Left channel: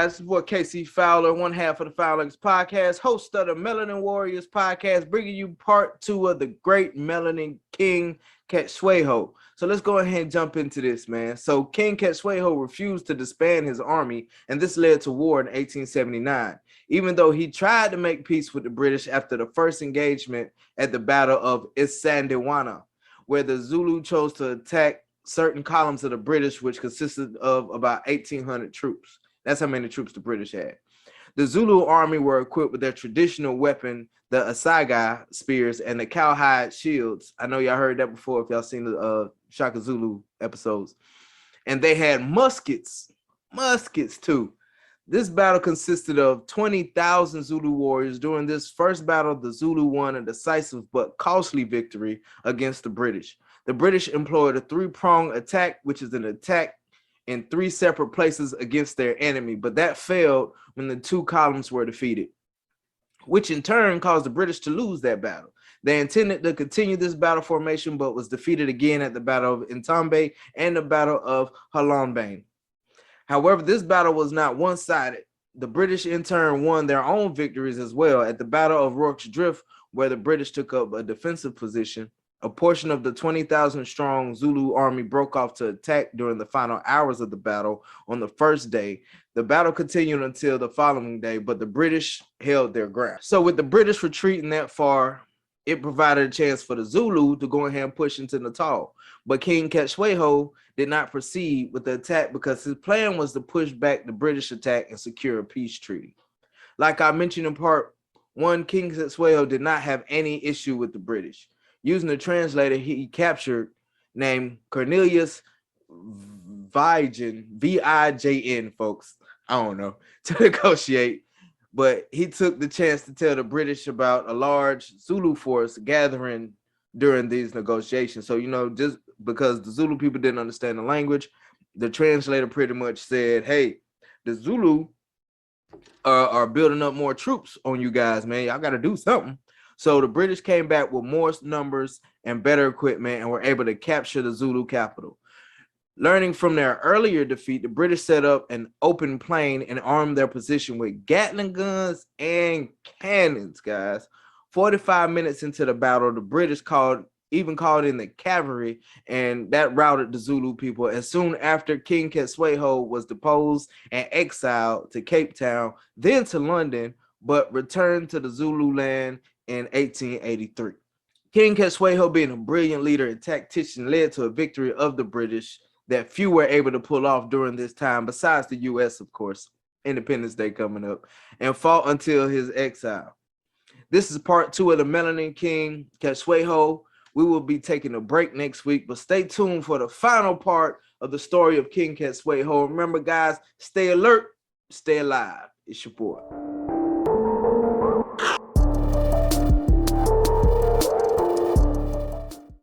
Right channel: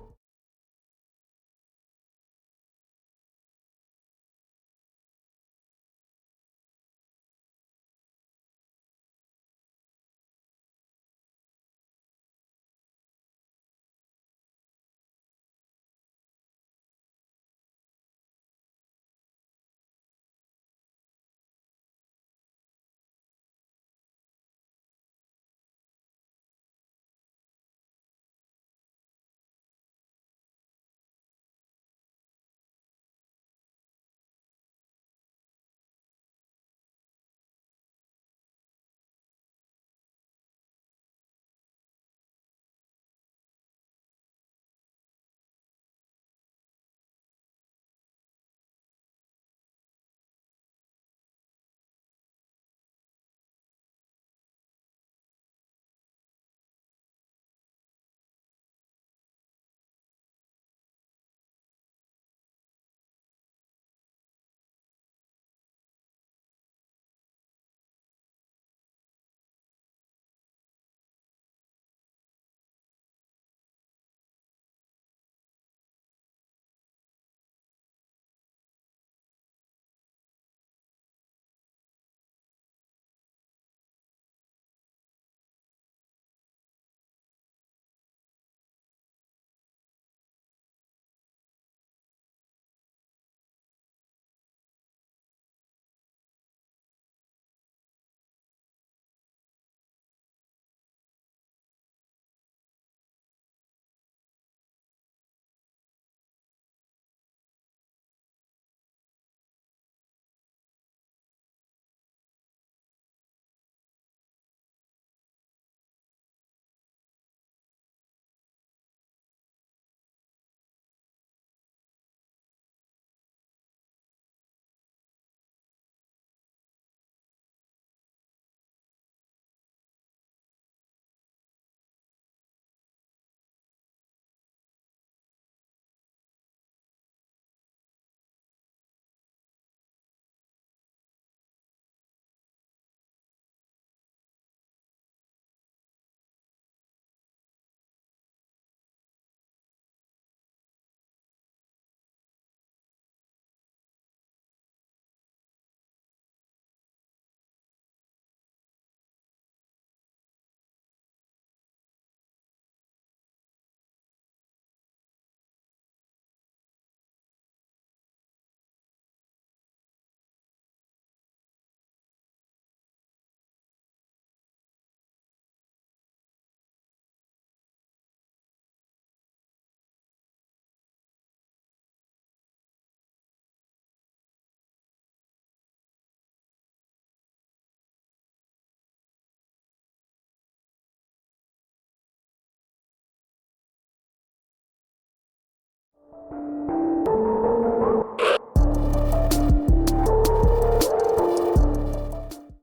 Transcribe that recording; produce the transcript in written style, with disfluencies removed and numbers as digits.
guys? This is boy KC Fowler, one half of the Fowlers podcast, host of the Melanin Warriors podcast, bringing you part two of the great Melanin King Cetshwayo. So let's go ahead and jump into this, man. So King Cetshwayo refused to disband his army, and this led to war in 1879. Even though he tried to make peace with the British after the first engagement at the Battle of Isandewana, where the Zulu chose to attack certain columns of the British, which consisted of about 1,800 troops. That's how many troops the British had. The Zulu army were equipped with their traditional weapon, the assegai spears and the cowhide shields. I know y'all heard that before if y'all seen the Shaka Zulu episodes. And they had muskets too. This battle consisted of 20,000 Zulu warriors. During this first battle, the Zulu won a decisive but costly victory against the British. The British employed a three-pronged attack, which is an attack in three separate places against their enemy, but that failed when the two columns were defeated, which in turn caused the British to lose that battle. They intended to continue this battle formation, but was defeated again at the Battle of Intombe and the Battle of Halonbane. However, this battle was not one-sided. The British in turn won their own victories as well. At the Battle of Rorke's Drift, where the British took up a defensive position, a portion of the 20,000 strong Zulu army broke off to attack during the final hours of the battle on the first day. The battle continued until the following day, but the British held their ground. So with the British retreating that far, it provided a chance for the Zulu to go ahead and push into Natal. But King Cetshwayo did not proceed with the attack because his plan was to push back the British attack and secure a peace treaty. Like I mentioned in part one, King Cetshwayo did not have any issue with the British. Using a translator he captured named Cornelius Vigen, V-I-J-N, folks, I don't know, to negotiate. But he took the chance to tell the British about a large Zulu force gathering during these negotiations. So, just because the Zulu people didn't understand the language, the translator pretty much said, hey, the Zulu are building up more troops on you guys, man. Y'all got to do something. So the British came back with more numbers and better equipment and were able to capture the Zulu capital. Learning from their earlier defeat, the British set up an open plain and armed their position with Gatling guns and cannons, guys. 45 minutes into the battle, the British called in the cavalry, and that routed the Zulu people. And soon after, King Cetshwayo was deposed and exiled to Cape Town, then to London, but returned to the Zulu land in 1883. King Cetshwayo, being a brilliant leader and tactician, led to a victory of the British that few were able to pull off during this time, besides the U.S., of course, Independence Day coming up, and fought until his exile. This is part two of the Melanin King Cetshwayo. We will be taking a break next week, but stay tuned for the final part of the story of King Cetshwayo. Remember, guys, stay alert, stay alive. It's your boy.